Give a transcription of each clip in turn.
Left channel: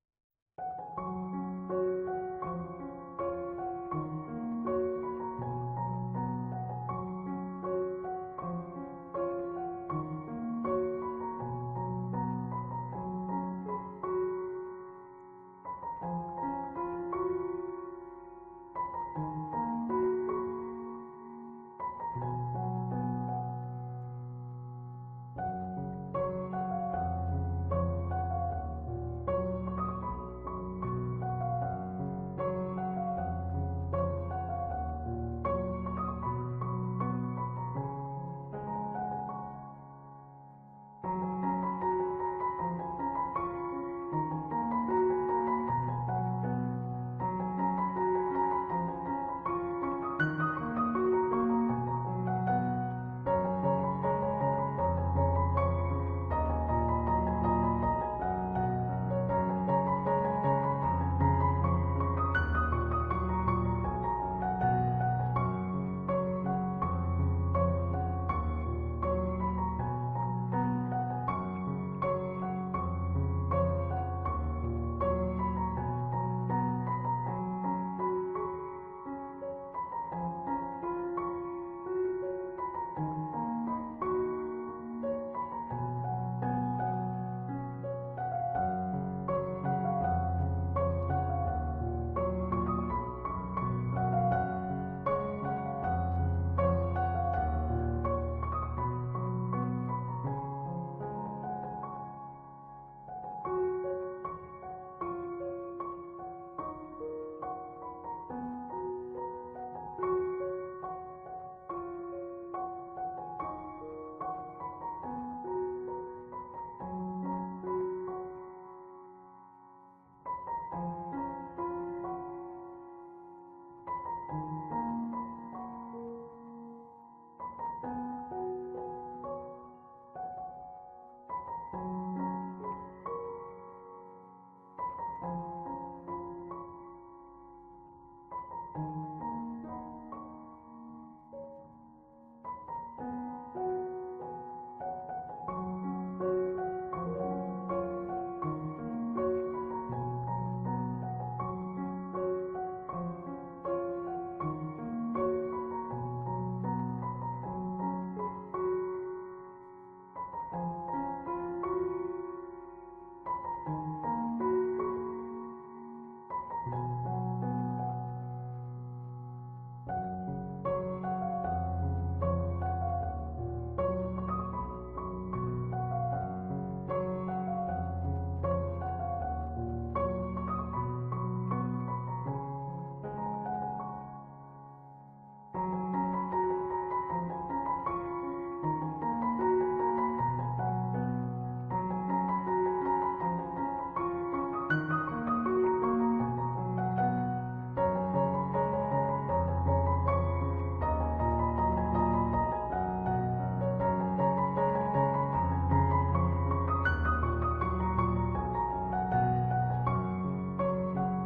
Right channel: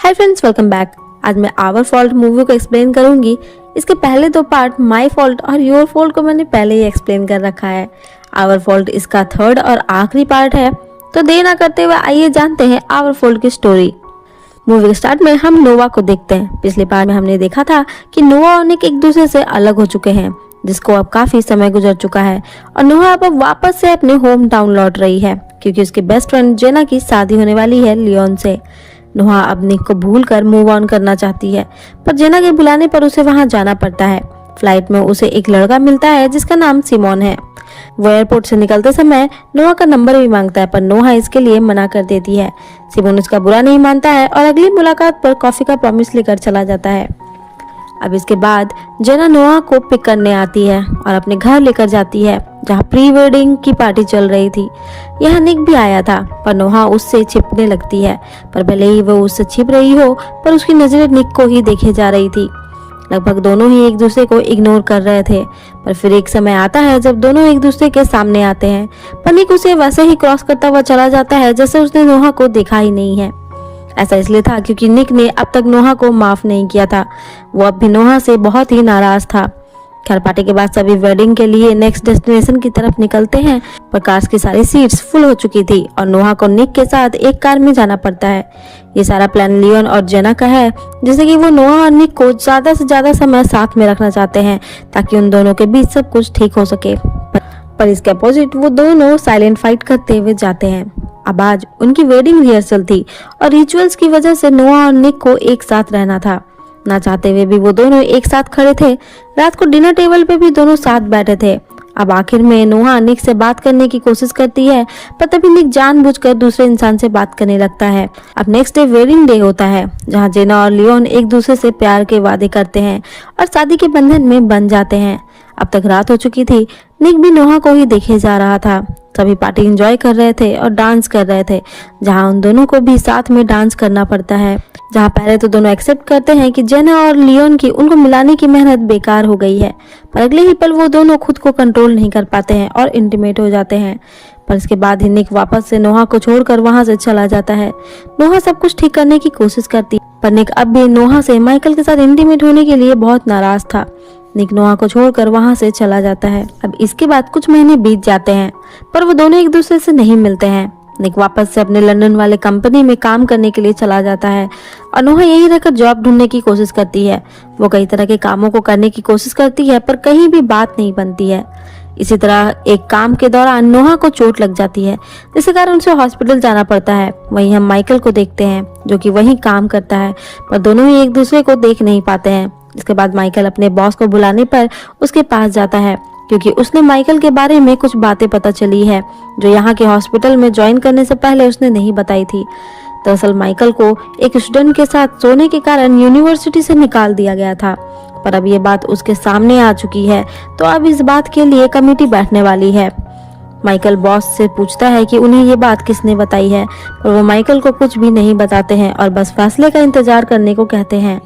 Hi friends, welcome back. आज मैं our fault movie को एक्सप्लेन करूंगी। इसके पहले दो पार्ट माय फॉल्ट और योर फॉल्ट को मैंने पहले ही एक्सप्लेन कर रखा है। आवर फॉल्ट इसका थर्ड और आखिरी पार्ट है। तो देर ना करते हुए आइए जानते हैं आवर फॉल्ट की स्टोरी। मूवी के स्टार्ट में हम नोवा को देखते हैं। पिछले पार्ट में हमने देखा था कि नोवा और निक एक दूसरे से अलग हो चुके हैं, जिसको अब काफी समय गुजर चुका है और नोहा अब वापस से अपने होम टाउन लौट रही है क्योंकि उसकी बेस्ट फ्रेंड जेना की शादी होने वाली है लियोन से। नोहा अब निक को भूलकर मूव ऑन करना चाहती है, पर जेना के बुलाने पर उसे वहां जाना पड़ता है। फ्लाइट में उसे एक लड़का मिलता है जिसका नाम सिमोन है। वो एयरपोर्ट से निकलते समय नोहा का नंबर भी मांगता है, पर नोहा इसके लिए मना कर देती है। सिमोन उसका बुरा नहीं मानता है और अगली मुलाकात पर कॉफी का प्रॉमिस लेकर चला जाता है। अब इसके बाद जेना नोहा को पिक करने आती है और अपने घर लेकर जाती है, जहाँ प्री वेडिंग की पार्टी चल रही थी। यहाँ निक भी आया था, पर नोहा उससे छिपने लगती है। पर भले ही वो उससे छिप रही हो, पर उसकी नजरें निक को ही देखे जा रही थी। लगभग दोनों ही एक दूसरे को इग्नोर कर रहे थे, पर फिर एक समय आता है जब दोनों एक दूसरे के सामने आते हैं। पर निक उसे वैसे ही क्रॉस करता हुआ चला जाता है जैसे उसने नोहा को देखा ही नहीं है। ऐसा इसलिए था क्योंकि निक ने अब तक नोहा को माफ नहीं किया था। वो अब भी नोहा से बहुत ही नाराज था। खैर, पार्टी के बाद सभी वेडिंग के लिए नेक्स्ट डेस्टिनेशन की तरफ निकलते हैं, पर कार्स की सारी सीट्स फुल हो चुकी थी और नोहा को निक के साथ एक कार में जाना पड़ता है। ये सारा प्लान लियोन और जेना का है, जिससे कि वो नोहा और निक को ज्यादा से ज्यादा समय साथ में रखना चाहते हैं ताकि उन दोनों के बीच सब कुछ ठीक हो सके। पर इसके अपोजिट वो दोनों साइलेंट फाइट करते हुए जाते हैं। अब आज उनकी वेडिंग रिहर्सल थी और रिचुअल्स की वजह से नोहा और निक को एक साथ रहना था। ना चाहते हुए भी वो दोनों एक साथ खड़े थे। रात को डिनर टेबल पे भी दोनों साथ बैठे थे। अब आखिर में नोहा निक से बात करने की कोशिश करती है, पर तभी निक जानबूझकर दूसरे इंसान से बात करने लगता है। अब नेक्स्ट डे वेडिंग डे होता है, जहाँ जेना और लियोन एक दूसरे से प्यार के वादे करते हैं और शादी के बंधन में बंध जाते हैं। अब तक रात हो चुकी थी। निक भी नोहा को ही देखे जा रहा था। सभी पार्टी एंजॉय कर रहे थे और डांस कर रहे थे, जहाँ उन दोनों को भी साथ में डांस करना पड़ता है। जहाँ पहले तो दोनों एक्सेप्ट करते हैं कि जेना और लियोन की उनको मिलाने की मेहनत बेकार हो गई है, पर अगले ही पल वो दोनों खुद को कंट्रोल नहीं कर पाते हैं और इंटीमेट हो जाते हैं। पर इसके बाद ही निक वापस से नोहा को छोड़कर वहां से चला जाता है। नोहा सब कुछ ठीक करने की कोशिश करती, पर निक अब भी नोहा से माइकल के साथ इंटीमेट होने के लिए बहुत नाराज था। निक नोहा को छोड़कर वहां से चला जाता है। अब इसके बाद कुछ महीने बीत जाते हैं, पर वो दोनों एक दूसरे से नहीं मिलते हैं। निक वापस से अपने लंदन वाले कंपनी में काम करने के लिए चला जाता है और नोहा यहीं रहकर जॉब ढूंढने की कोशिश करती है। वो कई तरह के कामों को करने की कोशिश करती है, पर कहीं भी बात नहीं बनती है। इसी तरह एक काम के दौरान नोहा को चोट लग जाती है, जिसके कारण उसे हॉस्पिटल जाना पड़ता है। वहीं हम माइकल को देखते हैं, जो कि वहीं काम करता है, पर दोनों ही एक दूसरे को देख नहीं पाते हैं। इसके बाद माइकल अपने बॉस को बुलाने पर उसके पास जाता है, क्योंकि उसने माइकल के बारे में कुछ बातें पता चली है जो यहाँ के हॉस्पिटल में ज्वाइन करने से पहले उसने नहीं बताई थी। दरअसल माइकल को एक स्टूडेंट के साथ सोने के कारण यूनिवर्सिटी से निकाल दिया गया था, पर अब ये बात उसके सामने आ चुकी है, तो अब इस बात के लिए कमेटी बैठने वाली है। माइकल बॉस से पूछता है कि उन्हें ये बात किसने बताई है, और वो माइकल को कुछ भी नहीं बताते हैं और बस फैसले का इंतजार करने को कहते हैं।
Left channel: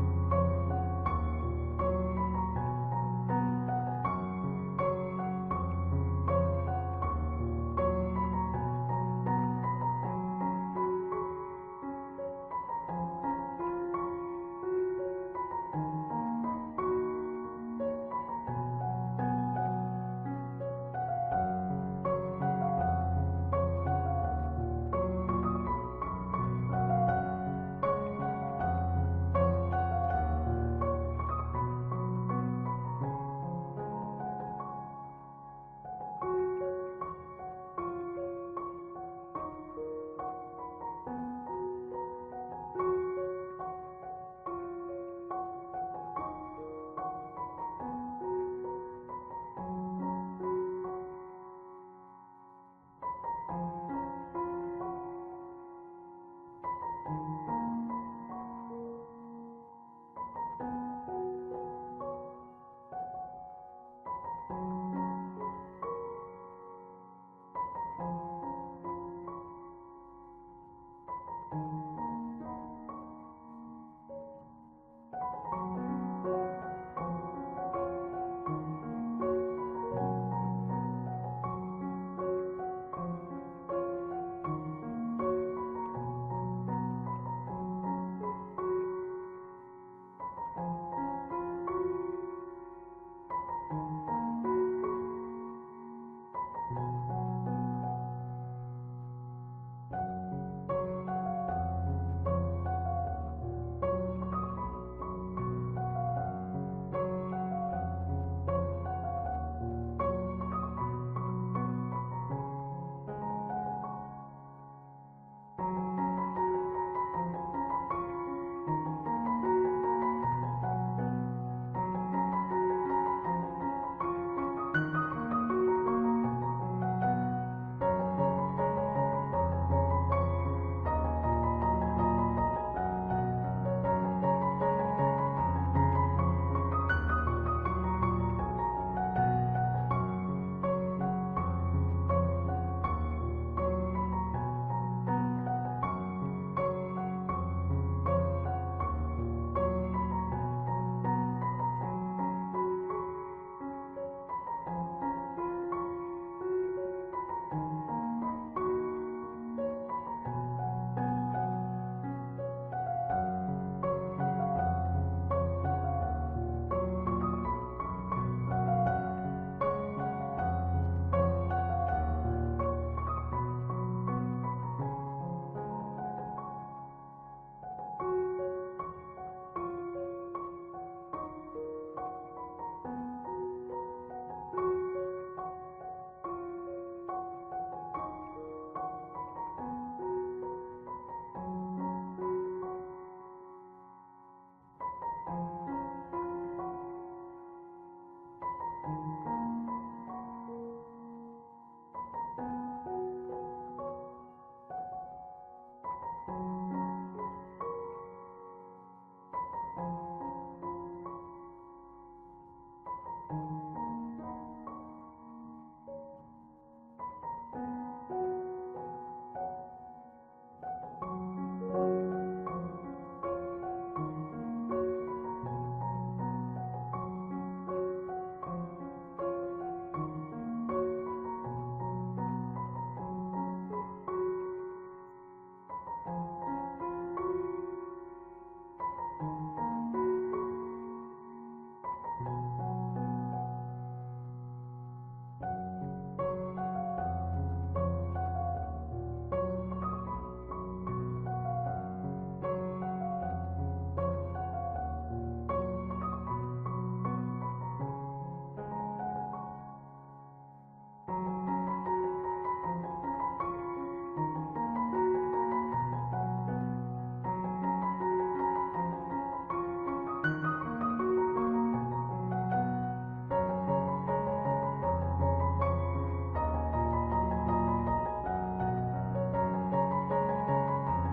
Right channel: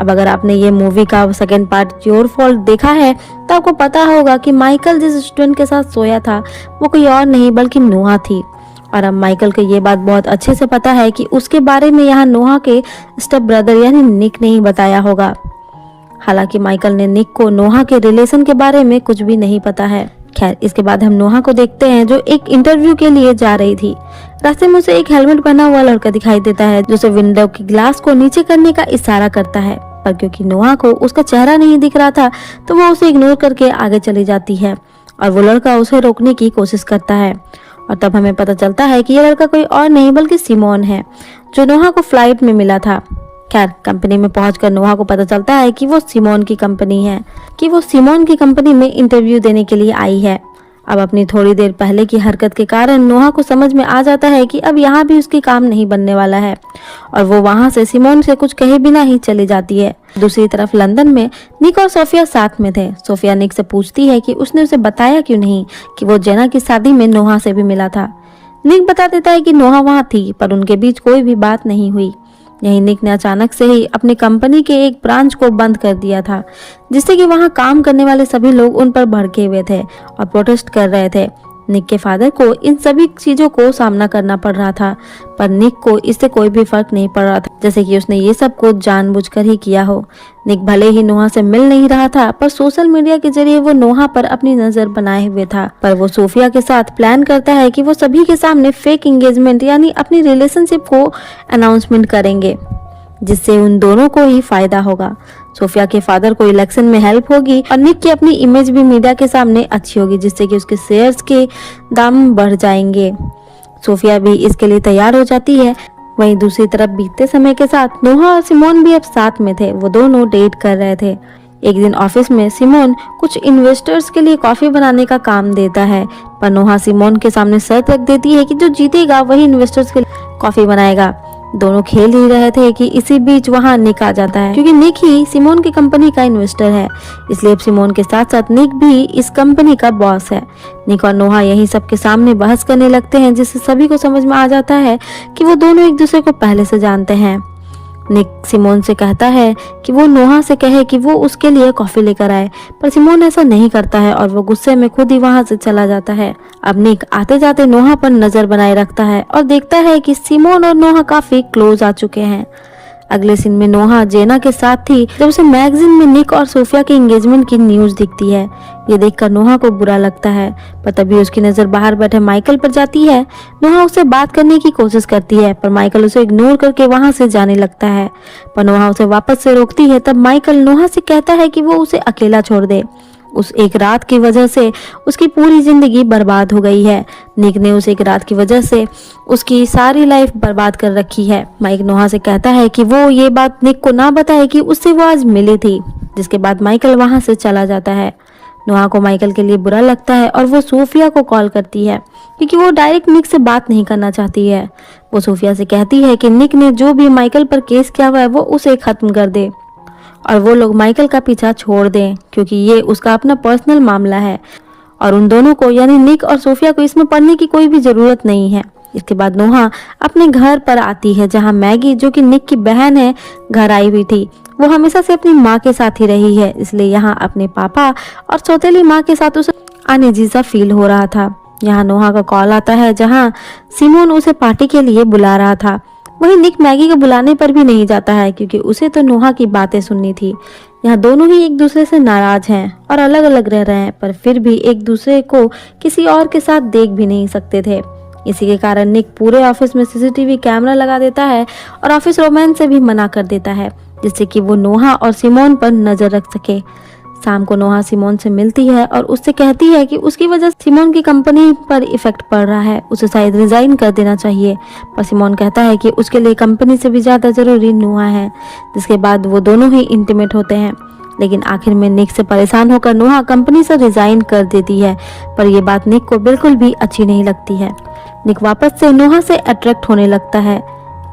अब अगर आपने ये मूवी का सेकंड पार्ट योर फॉल्ट देखा है, तो आपको पता होगा कि माइकल जिस स्टूडेंट के साथ सोया था वो कोई और नहीं बल्कि नोहा थी। और अब माइकल को ये बात बहुत अच्छे से पता है कि उसके बारे में यहाँ नोहा के स्टेप ब्रदर यानी निक ने ही बताया होगा। हालांकि माइकल ने निक को नोहा के रिलेशन के बारे में कुछ भी नहीं पता है। खैर, इसके बाद हम नोहा को देखते हैं, जो एक इंटरव्यू के लिए जा रही थी। रास्ते में उसे एक हेलमेट पहना हुआ लड़का दिखाई देता है, जो उसे विंडो की ग्लास को नीचे करने का इशारा करता है, पर क्योंकि नोहा को उसका चेहरा नहीं दिख रहा था, तो वो उसे इग्नोर करके आगे चली जाती है और वो लड़का उसे रोकने की कोशिश करता है। और तब हमें पता चलता है कि ये लड़का कोई और नहीं बल्कि सिमोन है, जो नोहा को फ्लाइट में मिला था। खैर, कंपनी में पहुंचकर नोहा को पता चलता है कि वो सिमोन की कंपनी में इंटरव्यू देने के लिए आई है। अब अपनी थोड़ी देर पहले की हरकत के कारण नोहा को समझ में आ जाता है कि अब यहाँ भी उसकी काम नहीं बनने वाला है, और वो वहाँ से सिमोन से कुछ कहे बिना ही चली जाती है। दूसरी तरफ लंदन में निक और सोफिया साथ में थे। सोफिया निक से पूछती है कि उसने उसे बताया क्यों नहीं कि वो जेना की शादी में नोहा से भी मिला था। निक बता देता है कि नोहा वहाँ थी, पर उनके बीच कोई भी बात नहीं हुई। यही निक ने अचानक से ही अपनी कंपनी के एक ब्रांच को बंद कर दिया था, जिससे कि वहां काम करने वाले सभी लोग उन पर भड़के हुए थे और प्रोटेस्ट कर रहे थे। निक के फादर को इन सभी चीजों को सामना करना पड़ रहा था, पर निक को इससे कोई भी फर्क नहीं पड़ रहा था, जैसे कि उसने ये सब कुछ जानबूझकर ही किया हो। निक भले ही नोहा से मिल नहीं रहा था, पर सोशल मीडिया के जरिए वो नोहा पर अपनी नजर बनाए हुए था। पर वो सोफिया के साथ प्लान करता है कि वो सभी के सामने फेक एंगेजमेंट यानी अपनी रिलेशनशिप को अनाउंसमेंट करेंगे, जिससे उन दोनों को ही फायदा होगा। सोफिया के फादर को इलेक्शन में हेल्प होगी और निक की अपनी इमेज भी मीडिया के सामने अच्छी होगी, जिससे कि उसके शेयर्स के दाम बढ़ जाएंगे। सोफिया भी इसके लिए तैयार हो जाती है। वहीं दूसरी तरफ बीतते समय के साथ नोहा और सिमोन भी अब साथ में थे। वो दोनों डेट कर रहे थे। एक दिन ऑफिस में सिमोन कुछ इन्वेस्टर्स के लिए कॉफी बनाने का काम देता है, पर नोहा सिमोन के सामने शर्त रख देती है कि जो जीतेगा वही इन्वेस्टर्स के लिए कॉफी बनाएगा। दोनों खेल ही रहे थे कि इसी बीच वहां निक आ जाता है, क्योंकि निक ही सिमोन की कंपनी का इन्वेस्टर है, इसलिए अब सिमोन के साथ साथ निक भी इस कंपनी का बॉस है। निक और नोहा यही सबके सामने बहस करने लगते हैं, जिससे सभी को समझ में आ जाता है कि वो दोनों एक दूसरे को पहले से जानते हैं। निक सिमोन से कहता है कि वो नोहा से कहे कि वो उसके लिए कॉफी लेकर आए, पर सिमोन ऐसा नहीं करता है और वो गुस्से में खुद ही वहां से चला जाता है। अब निक आते जाते नोहा पर नजर बनाए रखता है और देखता है कि सिमोन और नोहा काफी क्लोज आ चुके हैं। अगले सीन में नोहा जेना के साथ थी जब उसे मैगजीन में निक और सोफिया के एंगेजमेंट की न्यूज दिखती है। ये देखकर नोहा को बुरा लगता है, पर तभी उसकी नजर बाहर बैठे माइकल पर जाती है। नोहा उससे बात करने की कोशिश करती है, पर माइकल उसे इग्नोर करके वहां से जाने लगता है, पर नोहा उसे वापस से रोकती है। तब माइकल नोहा से कहता है कि वो उसे अकेला छोड़ दे। उस एक रात की वजह से उसकी पूरी जिंदगी बर्बाद हो गई है। निक ने उस एक रात की वजह से उसकी सारी लाइफ बर्बाद कर रखी है। माइक नोहा से कहता है कि वो ये बात निक को ना बताए कि उससे वो आज मिली थी, जिसके बाद माइकल वहां से चला जाता है। नोहा को माइकल के लिए बुरा लगता है और वो सोफिया को कॉल करती है, क्योंकि वो डायरेक्ट निक से बात नहीं करना चाहती है। वो सोफिया से कहती है कि निक ने जो भी माइकल पर केस किया हुआ है वो उसे खत्म कर दे और वो लोग माइकल का पीछा छोड़ दें, क्योंकि ये उसका अपना पर्सनल मामला है और उन दोनों को यानी निक और सोफिया को इसमें पढ़ने की कोई भी जरूरत नहीं है। इसके बाद नोहा अपने घर पर आती है, जहां मैगी जो कि निक की बहन है घर आई हुई थी। वो हमेशा से अपनी माँ के साथ ही रही है, इसलिए यहाँ अपने पापा और सौतेली माँ के साथ उसे अनईजी सा फील हो रहा था। यहाँ नोहा का कॉल आता है, जहाँ सिमोन उसे पार्टी के लिए बुला रहा था। वहीं निक मैगी के बुलाने पर भी नहीं जाता है, क्योंकि उसे तो नोहा की बातें सुननी थी। यहाँ दोनों ही एक दूसरे से नाराज हैं और अलग अलग रह रहे हैं, पर फिर भी एक दूसरे को किसी और के साथ देख भी नहीं सकते थे। इसी के कारण निक पूरे ऑफिस में सीसीटीवी कैमरा लगा देता है और ऑफिस रोमांस से भी मना कर देता है, जिससे कि वो नोहा और सिमोन पर नजर रख सके। शाम को नोहा सिमोन से मिलती है और उससे कहती है कि उसकी वजह से सिमोन की कंपनी पर इफेक्ट पड़ रहा है, उसे शायद रिजाइन कर देना चाहिए। पर सिमोन कहता है कि उसके लिए कंपनी से भी ज्यादा जरूरी नोहा है। जिसके बाद वो दोनों ही इंटीमेट होते हैं, लेकिन आखिर में निक से परेशान होकर नोहा कंपनी से रिजाइन कर देती है। पर यह बात निक को बिल्कुल भी अच्छी नहीं लगती है। निक वापस से नोहा से अट्रैक्ट होने लगता है।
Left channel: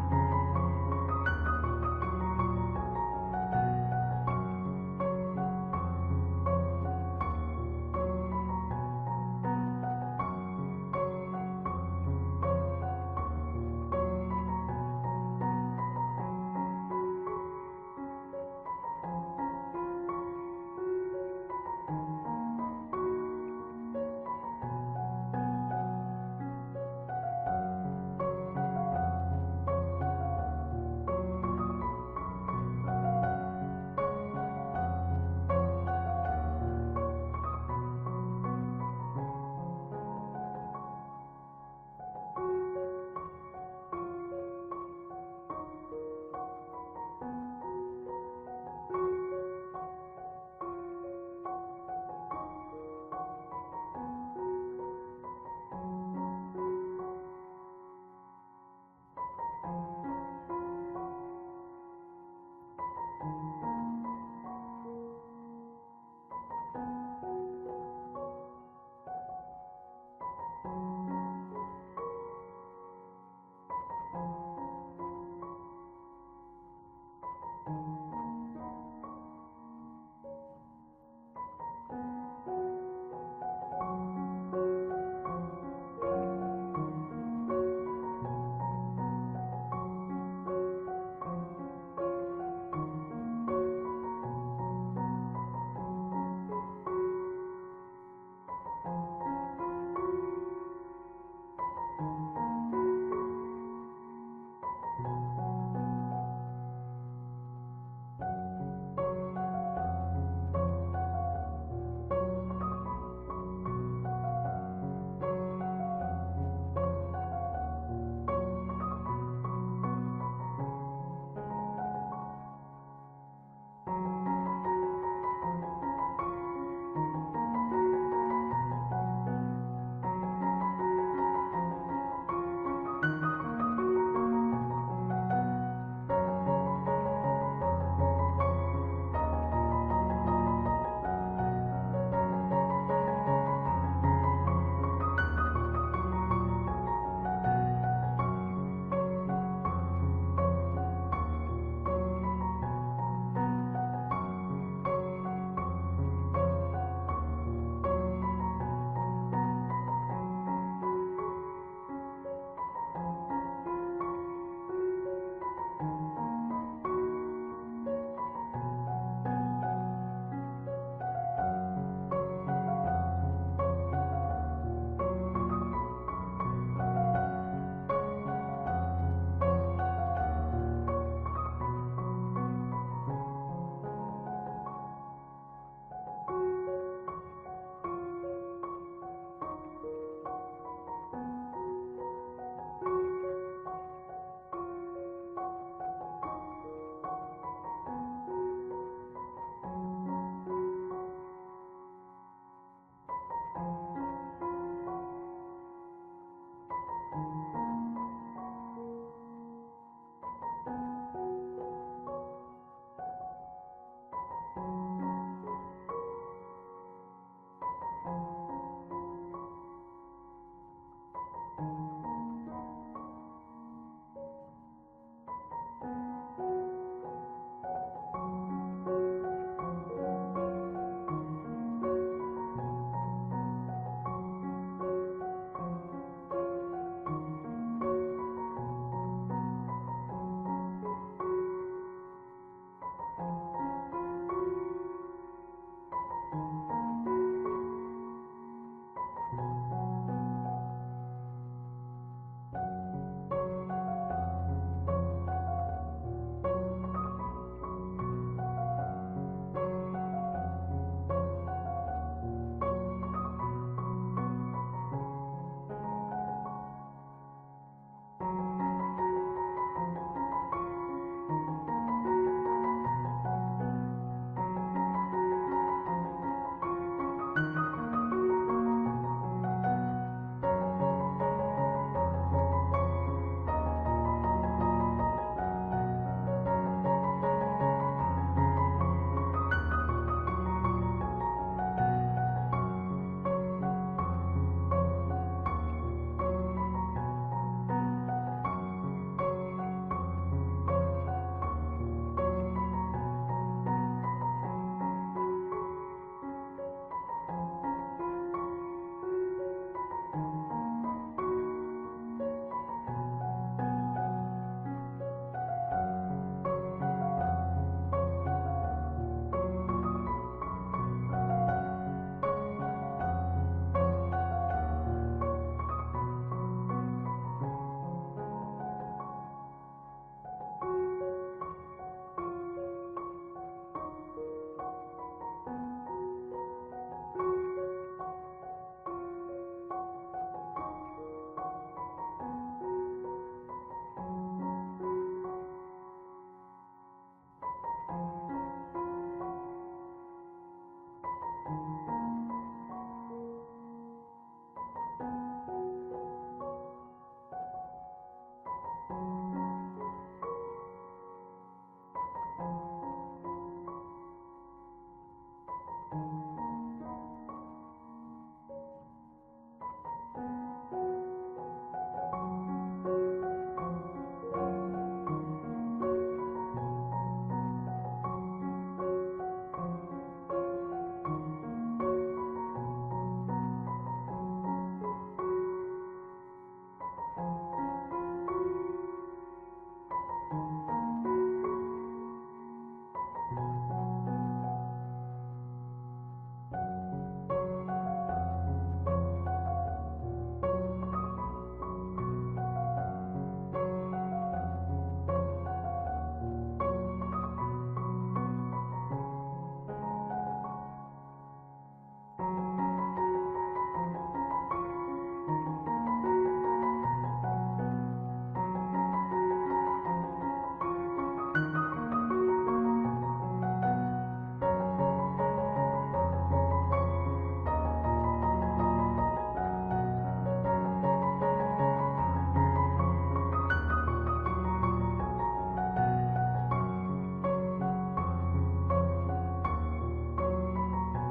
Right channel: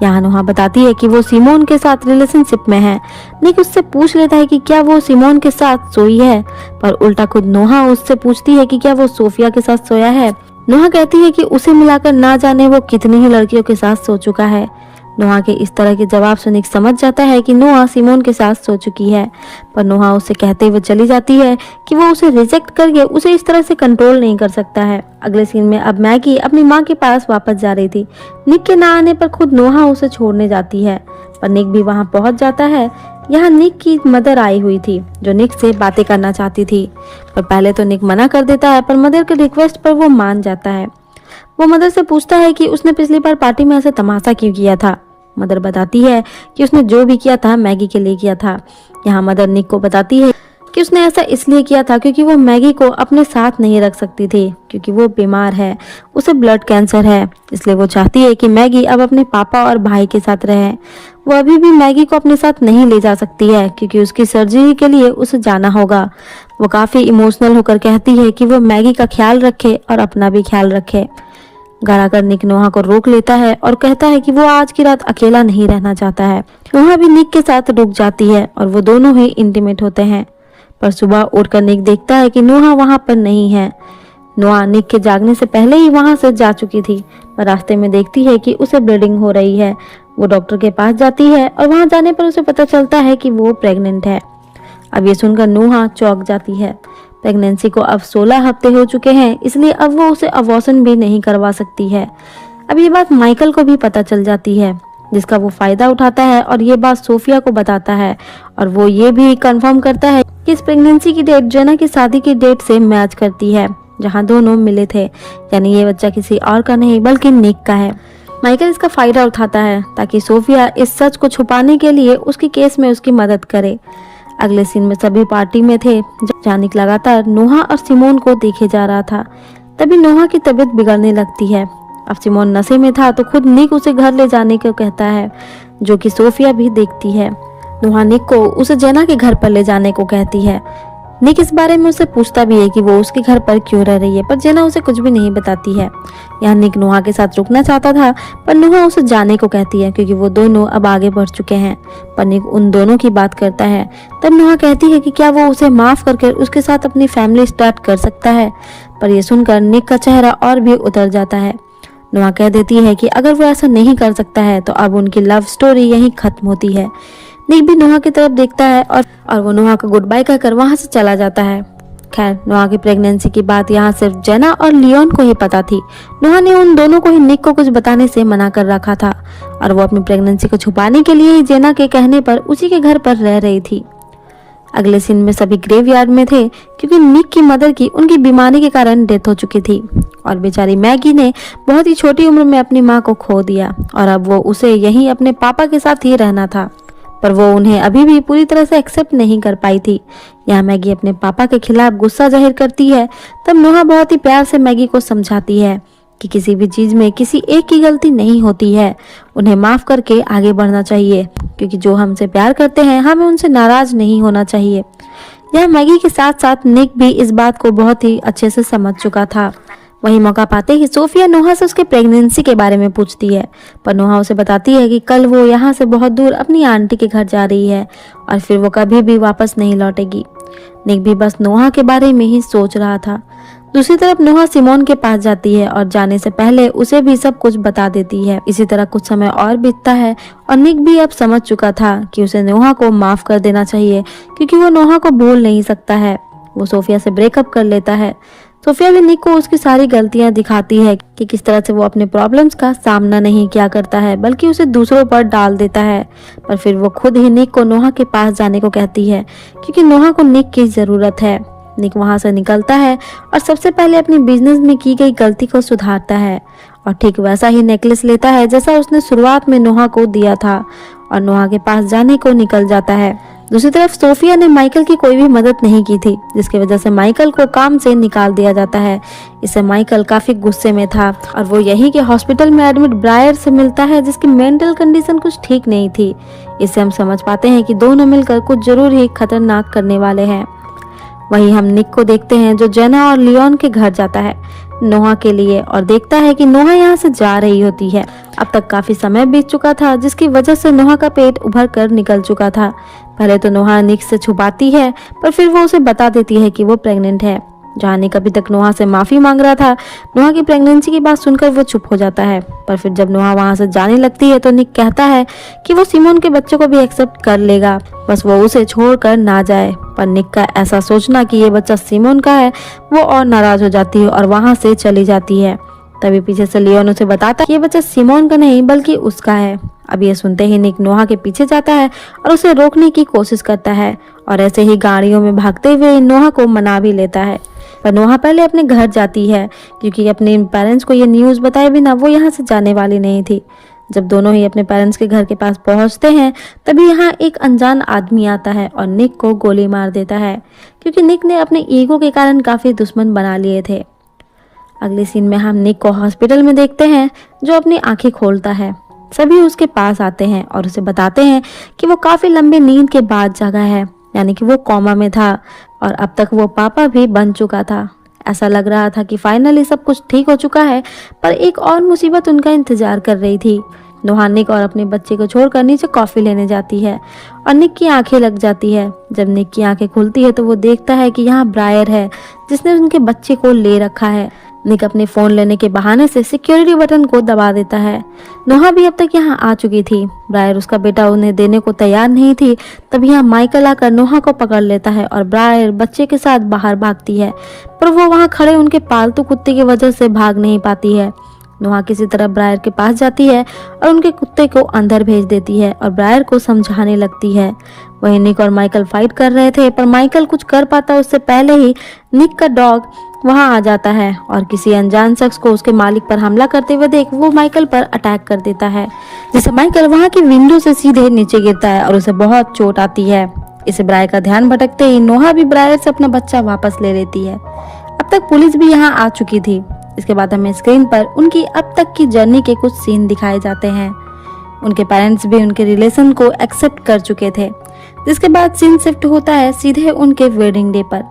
यहाँ नोहा बताती है कि वो सिमोन के साथ रिलेशनशिप में है। निक उससे पूछ लेता है कि क्या वो सिमोन के साथ सोई है, पर उल्टा खुद नोहा उससे पूछती है कि क्या वो सोफिया के साथ सोया है। नोहा कहती है कि उसे मिलाकर ना जाने वो कितनी ही लड़कियों के साथ सो चुका है। नोहा के इस तरह के जवाब से निक समझ जाता है कि नोहा सिमोन के साथ सो चुकी है, पर नोहा उससे कहते हुए चली जाती है कि वो उसे रिजेक्ट करके उसे इस तरह से कंट्रोल नहीं कर सकता है। अगले सीन में अब मैगी अपनी माँ के पास वापस जा रही थी। निक के ना आने पर खुद नोहा उसे छोड़ने जाती है, पर निक भी वहाँ पहुँच जाता है। यहाँ निक की मदर आई हुई थी, जो निक से बातें करना चाहती थी, पर पहले तो निक मना कर देता है, पर मदर के रिक्वेस्ट पर वो मान जाता है। वो मदर से पूछता है कि उसने पिछली बार पार्टी में ऐसे तमाशा क्यों किया था। मदर बताती है कि उसने जो भी किया था मैगी के लिए किया था। यहाँ मदर निक को बताती है कि उसने ऐसा इसलिए किया था क्योंकि वो मैगी को अपने साथ नहीं रख सकती थी, क्योंकि वो बीमार है, उसे ब्लड कैंसर है, इसलिए वो चाहती है कि मैगी अब अपने पापा और भाई के साथ रहे। वो अभी भी मैगी को अपने साथ नहीं ले जा सकती है, क्योंकि उसकी सर्जरी के लिए उसे जाना होगा। वो काफी इमोशनल होकर कहती है कि वो मैगी का ख्याल रखे और अपना भी ख्याल रखे। घर आकर निक नोहा को रोक लेता है और कहता है कि वो आज की रात अकेला नहीं रहना चाहता है। नोहा भी निक के साथ रुक जाती है और वो दोनों ही इंटीमेट होते हैं। पर सुबह उठकर निक देखता है कि नोहा वहां पर नहीं है। नोहा निक के जागने से पहले ही वहां से जा चुकी थी, पर रास्ते में देखती है कि उसे ब्लीडिंग हो रही है। वो डॉक्टर के पास जाती है और वहां जाने पर उसे पता चलता है कि वो प्रेग्नेंट है। अब ये सुनकर नोहा चौंक जाती है, प्रेगनेंसी को अब 16 हफ्ते हो चुके हैं, इसलिए अब वो उसे अबॉर्शन भी नहीं करवा सकती है। अब ये बात माइकल को भी पता चल जाती है, जिसका वो फायदा उठाता है और ये बात सोफिया को बताता है और वो ये भी कंफर्म करता है कि इस प्रेगनेंसी की डेट जेना की शादी की डेट से मैच करती है, जहाँ दोनों मिले थे। यानी ये बच्चा किसी और का नहीं बल्कि निक का है। माइकल इसका फायदा उठाता है ताकि सोफिया इस सच को छुपाने के लिए उसकी केस में उसकी मदद करे। अगले सीन में सभी पार्टी में थे, जहाँ निक लगातार नोहा और सिमोन को देखे जा रहा था। तभी नोहा की तबीयत बिगड़ने लगती है। अब सिमोन नशे में था तो खुद निक उसे घर ले जाने को कहता है, जो कि सोफिया भी देखती है। नोहा निक को उसे जेना के घर पर ले जाने को कहती है। निक इस बारे में उसे पूछता भी है कि वो उसके घर पर क्यों रह रही है, पर जेना उसे कुछ भी नहीं बताती है। यहाँ निक नोहा के साथ रुकना चाहता था, पर नोहा उसे जाने को कहती है क्योंकि वो दोनों अब आगे बढ़ चुके हैं। पर निक उन दोनों की बात करता है। तब नोहा कहती है कि क्या वो उसे माफ करके उसके साथ अपनी फैमिली स्टार्ट कर सकता है, पर यह सुनकर निक का चेहरा और भी उतर जाता है। नोहा कह देती है कि अगर वो ऐसा नहीं कर सकता है तो अब उनकी लव स्टोरी यहीं खत्म होती है। निक भी नोहा की तरफ देखता है और वो नोहा को गुड बाय कहकर वहां से चला जाता है। खैर, नोहा की प्रेगनेंसी की बात यहाँ सिर्फ जेना और लियोन को ही पता थी। नोहा ने उन दोनों को ही निक को कुछ बताने से मना कर रखा था और वो अपनी प्रेगनेंसी को छुपाने के लिए ही जेना के कहने पर उसी के घर पर रह रही थी। अगले सीन में सभी ग्रेवयार्ड में थे क्योंकि निक की मदर की उनकी बीमारी के कारण डेथ हो चुकी थी और बेचारी मैगी ने बहुत ही छोटी उम्र में अपनी माँ को खो दिया और अब वो उसे यहीं अपने पापा के साथ ही रहना था, पर वो उन्हें अभी भी पूरी तरह से एक्सेप्ट नहीं कर पाई थी। यहाँ मैगी अपने पापा के खिलाफ गुस्सा जाहिर करती है। तब नोहा बहुत ही प्यार से मैगी को समझाती है कि किसी भी चीज में किसी एक की गलती नहीं होती है, उन्हें माफ करके आगे बढ़ना चाहिए, क्योंकि जो हमसे प्यार करते हैं हमें उनसे नाराज नहीं होना चाहिए। यह मैगी के साथ साथ निक भी इस बात को बहुत ही अच्छे से समझ चुका था। वही मौका पाते ही सोफिया नोहा से उसके प्रेगनेंसी के बारे में पूछती है, पर नोहा उसे बताती है कि कल वो यहाँ से बहुत दूर अपनी आंटी के घर जा रही है और फिर वो कभी भी वापस नहीं लौटेगी। निक भी बस नोहा के बारे में ही सोच रहा था। दूसरी तरफ नोहा सिमोन के पास जाती है और जाने से पहले उसे भी सब कुछ बता देती है। इसी तरह कुछ समय और बीतता है और निक भी अब समझ चुका था कि उसे नोहा को माफ कर देना चाहिए, क्योंकि वो नोहा को भूल नहीं सकता है। वो सोफिया से ब्रेकअप कर लेता है। सोफिया भी निक को उसकी सारी गलतियां दिखाती है कि किस तरह से वो अपने प्रॉब्लम्स का सामना नहीं किया करता है, बल्कि उसे दूसरों पर डाल देता है। पर फिर वो खुद ही निक को नोहा के पास जाने को कहती है, क्योंकि नोहा को निक की जरूरत है। निक वहां से निकलता है और सबसे पहले अपनी बिजनेस में की गई गलती को सुधारता है और ठीक वैसा ही नेकलेस लेता है जैसा उसने शुरुआत में नोहा को दिया था और नोहा के पास जाने को निकल जाता है। दूसरी तरफ सोफिया ने माइकल की कोई भी मदद नहीं की थी, जिसकी वजह से माइकल को काम से निकाल दिया जाता है। इससे माइकल काफी गुस्से में था और वो यहीं के हॉस्पिटल में एडमिट ब्रायर से मिलता है, जिसकी मेंटल कंडीशन कुछ ठीक नहीं थी। इससे हम समझ पाते हैं कि दोनों मिलकर कुछ जरूर ही खतरनाक करने वाले हैं। वहीं हम निक को देखते हैं जो जेना और लियोन के घर जाता है नोहा के लिए और देखता है कि नोहा यहाँ से जा रही होती है। अब तक काफी समय बीत चुका था, जिसकी वजह से नोहा का पेट उभर कर निकल चुका था। पहले तो नोहा निक से छुपाती है, पर फिर वो उसे बता देती है कि वो प्रेग्नेंट है। जहाँ निक अभी तक नोहा से माफी मांग रहा था, नोहा की प्रेगनेंसी की बात सुनकर वो चुप हो जाता है। पर फिर जब नोहा वहाँ से जाने लगती है तो निक कहता है कि वो सिमोन के बच्चे को भी एक्सेप्ट कर लेगा, बस वो उसे छोड़कर ना जाए। पर निक का ऐसा सोचना कि ये बच्चा सिमोन का है, वो और नाराज हो जाती है और वहाँ से चली जाती है। तभी पीछे से लियोन उसे बताता है कि ये बच्चा सिमोन का नहीं बल्कि उसका है। अब ये सुनते ही निक नोहा के पीछे जाता है और उसे रोकने की कोशिश करता है और ऐसे ही गाड़ियों में भागते हुए नोहा को मना भी लेता है। पर नोहा पहले अपने घर जाती है, क्योंकि अपने पेरेंट्स को ये न्यूज़ बताए बिना वो यहाँ से जाने वाली नहीं थी। जब दोनों ही अपने पेरेंट्स के घर के पास पहुँचते हैं तभी यहाँ एक अनजान आदमी आता है और निक को गोली मार देता है, क्योंकि निक ने अपने ईगो के कारण काफ़ी दुश्मन बना लिए थे। अगले सीन में हम निक को हॉस्पिटल में देखते हैं, जो अपनी आंखें खोलता है। सभी उसके पास आते हैं और उसे बताते हैं कि वो काफ़ी लंबे नींद के बाद जागा है, यानी कि वो कोमा में था और अब तक वो पापा भी बन चुका था। ऐसा लग रहा था कि फाइनली सब कुछ ठीक हो चुका है, पर एक और मुसीबत उनका इंतजार कर रही थी। नोहा निक और अपने बच्चे को छोड़कर नीचे कॉफ़ी लेने जाती है और निक की आंखें लग जाती है। जब निक की आंखें खुलती है तो वो देखता है कि यहाँ ब्रायर है, जिसने उनके बच्चे को ले रखा है। निक अपने फ़ोन लेने के बहाने से सिक्योरिटी बटन को दबा देता है। नोहा भी अब तक यहाँ आ चुकी थी। ब्रायर उसका बेटा उन्हें देने को तैयार नहीं थी। तब यहाँ माइकल आकर नोहा को पकड़ लेता है और ब्रायर बच्चे के साथ बाहर भागती है, पर वो वहाँ खड़े उनके पालतू कुत्ते की वजह से भाग नहीं पाती है। नोहा किसी तरह ब्रायर के पास जाती है और उनके कुत्ते को अंदर भेज देती है और ब्रायर को समझाने लगती है। वहीं निक और माइकल फाइट कर रहे थे, पर माइकल कुछ कर पाता उससे पहले ही निक का डॉग वहां आ जाता है और किसी अनजान शख्स को उसके मालिक पर हमला करते हुए देख वो माइकल पर अटैक कर देता है, जिससे माइकल वहां की विंडो से सीधे नीचे गिरता है और उसे बहुत चोट आती है। इसे ब्रायर का ध्यान भटकते ही नोहा भी ब्रायर से अपना बच्चा वापस ले लेती है। अब तक पुलिस भी यहाँ आ चुकी थी। इसके बाद हमें स्क्रीन पर उनकी अब तक की जर्नी के कुछ सीन दिखाए जाते हैं। उनके पेरेंट्स भी उनके रिलेशन को एक्सेप्ट कर चुके थे, जिसके बाद सीन शिफ्ट होता है सीधे उनके वेडिंग डे पर।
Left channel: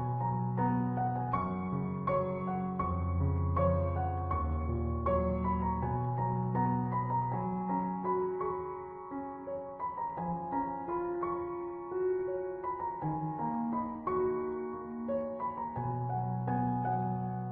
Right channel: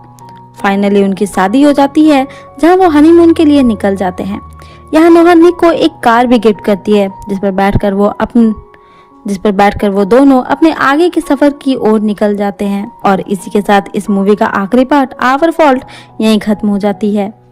फाइनली उनकी शादी हो जाती है, जहां वो हनीमून के लिए निकल जाते हैं। यहाँ नोहा निक को एक कार भी गिफ्ट करती है, जिस पर बैठकर वो दोनों अपने आगे के सफर की ओर निकल जाते हैं। और इसी के साथ इस मूवी का आखिरी पार्ट आवर फॉल्ट यहीं खत्म हो जाती है।